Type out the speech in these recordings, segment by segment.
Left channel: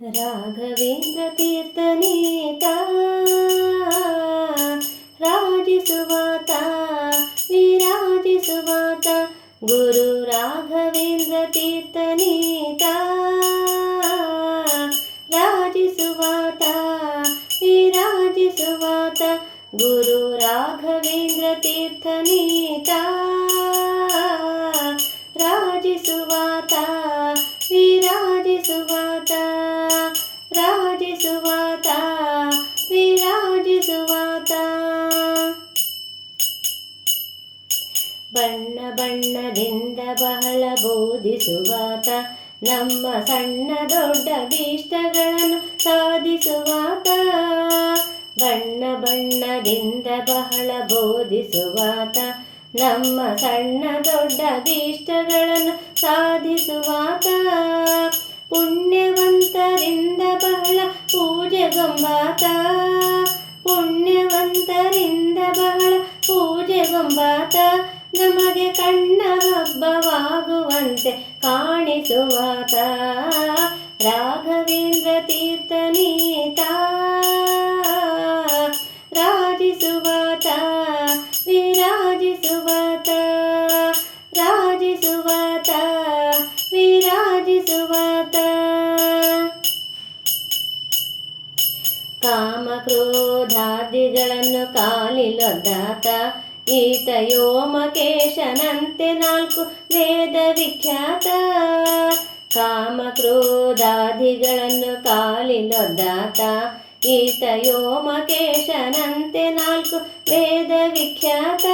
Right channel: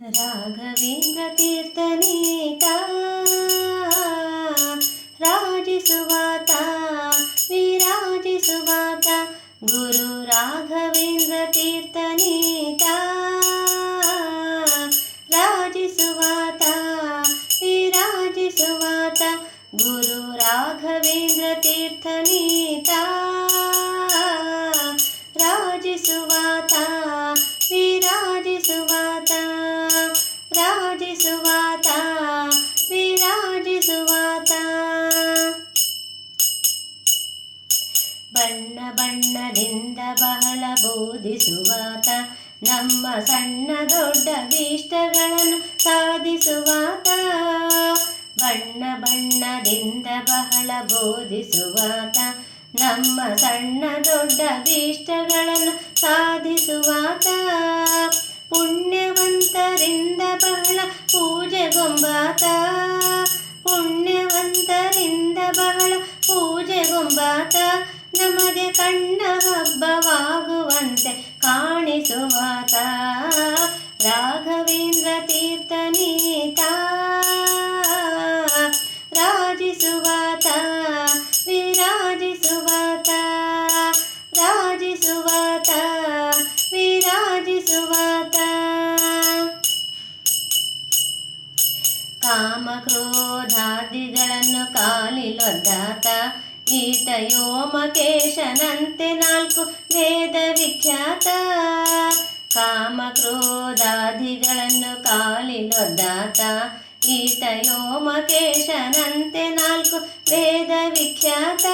ರಾಘವೇಂದ್ರ ತೀರ್ಥನೇತ ರಾಜಿಸುವಾತ ವಿರಾಜಿಸುವಾತ ಗುರು ರಾಘವೇಂದ್ರ ತೀರ್ಥನೇತ ರಾಜಿಸುವಾತ ವಿರಾಜಿಸುವಾತ ಗುರು ರಾಘವೇಂದ್ರ ತೀರ್ಥನೇತ ರಾಜಿಸುವಾತ ವಿರಾಜಿಸುವಾತ ರಾಜಿಸುವಾತ ವಿರಾಜಿಸುವಾತ ಬಣ್ಣ ಬಣ್ಣದಿಂದ ಬಹಳ ಬೋಧಿಸುವಾತ ನಮ್ಮ ಸಣ್ಣ ದೊಡ್ಡ ಭೀಷ್ಟಗಳನ್ನು ಸಾಧಿಸುವಾತ ಬಣ್ಣ ಬಣ್ಣದಿಂದ ಬಹಳ ಬೋಧಿಸುವಾತ ನಮ್ಮ ಸಣ್ಣ ದೊಡ್ಡ ಭೀಷ್ಟಗಳನ್ನು ಸಾಧಿಸುವಾತ ಪುಣ್ಯವಂತರಿಂದ ಬಹಳ ಪೂಜೆಗೊಂಬಾತ ಪುಣ್ಯವಂತರಿಂದ ಬಹಳ ಪೂಜೆಗೊಂಬಾತ ನಮಗೆ ಕಣ್ಣ ಹಬ್ಬವಾಗುವಂತೆ ಕಾಣಿಸುವಾತ ರಾಘವೇಂದ್ರ ತೀರ್ಥನೇತ ರಾಜಿಸುವಾತ ವಿರಾಜಿಸುವಾತ ರಾಜಿಸುವಾತ ವಿರಾಜಿಸುವಾತ ಕಾಮಕ್ರೋಧಾದಿಗಳನ್ನು ಕಾಲಿಲೊದ್ದಾತ ಈಟ ಯೋಮಕೇಶನಂತೆ ನಾಲ್ಕು ವೇದ ವಿಖ್ಯಾತ ಕಾಮಕ್ರೋಧಾದಿಗಳನ್ನು ಕಾಲಿಲೊದ್ದಾತ ಈಟ ಯೋಮಕೇಶನಂತೆ ನಾಲ್ಕು ವೇದ ವಿಖ್ಯಾತ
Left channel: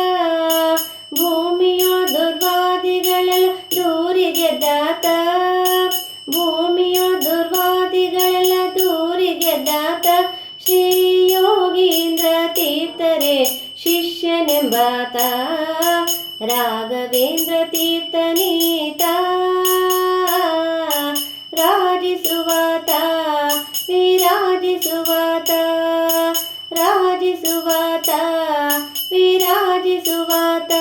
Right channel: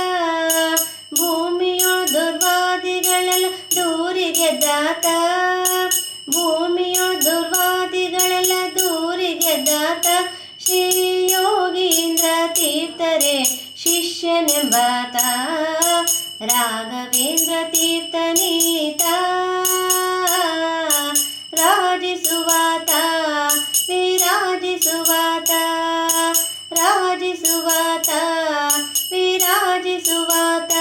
ಭೂಮಿಯೋ ದುರ್ವಾದಿಗಳೆಲ್ಲ ದೂರಿಗೆದ್ದಾತ ಭೂಮಿಯೋ ದುರ್ವಾದಿಗಳೆಲ್ಲ ದೂರಿಗೆದ್ದಾತ ಶ್ರೀ ಯೋಗೀಂದ್ರ ತೀರ್ಥರೇ ಶಿಷ್ಯನೆಂಬಾತ ರಾಘವೇಂದ್ರ ತೀರ್ಥನೇತ ರಾಜಿಸುವಾತ ವಿರಾಜಿಸುವಾತ ರಾಜಿಸುವಾತ ವಿರಾಜಿಸುವಾತ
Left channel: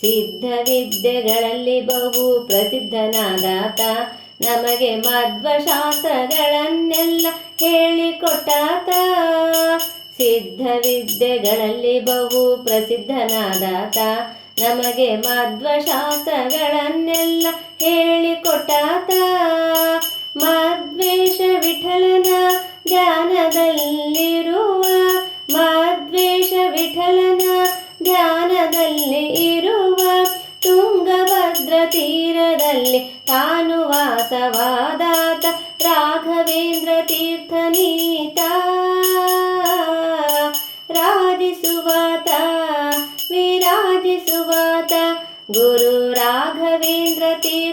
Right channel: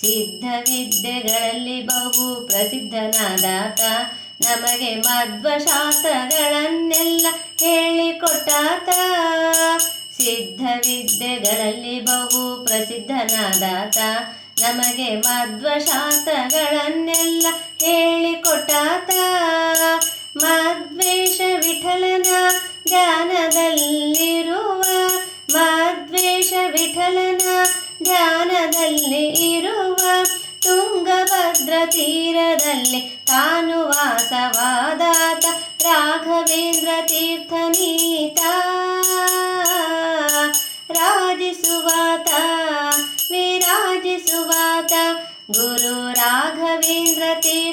ಸಿದ್ಧವಿದ್ಯೆಗಳಲ್ಲಿ ಬಹು ಪ್ರಸಿದ್ಧನಾದಾತ ನಮಗೆ ಮಧ್ವಶಾಸ್ತ್ರಗಳನ್ನೆಲ್ಲ ಹೇಳಿಕೊಟ್ಟಾತ ಸಿದ್ಧವಿದ್ಯೆಗಳಲ್ಲಿ ಬಹು ಪ್ರಸಿದ್ಧನಾದಾತ ನಮಗೆ ಮಧ್ವಶಾಸ್ತ್ರಗಳನ್ನೆಲ್ಲ ಹೇಳಿಕೊಟ್ಟಾತ ಮಧ್ವೇಶ ವಿಠಲನ ಧ್ಯಾನದಲ್ಲಿರುವ ಮಧ್ವೇಶ ವಿಠಲನ ಧ್ಯಾನದಲ್ಲಿ ಇರುವ ತುಂಗಭದ್ರ ತೀರದಲ್ಲಿ ತಾನು ವಾಸವಾದಾತ ರಾಘವೇಂದ್ರ ತೀರ್ಥನೇತ ರಾಜಿಸುವಾತ ವಿರಾಜಿಸುವಾತ ಗುರು ರಾಘವೇಂದ್ರ ತೀರ್ಥ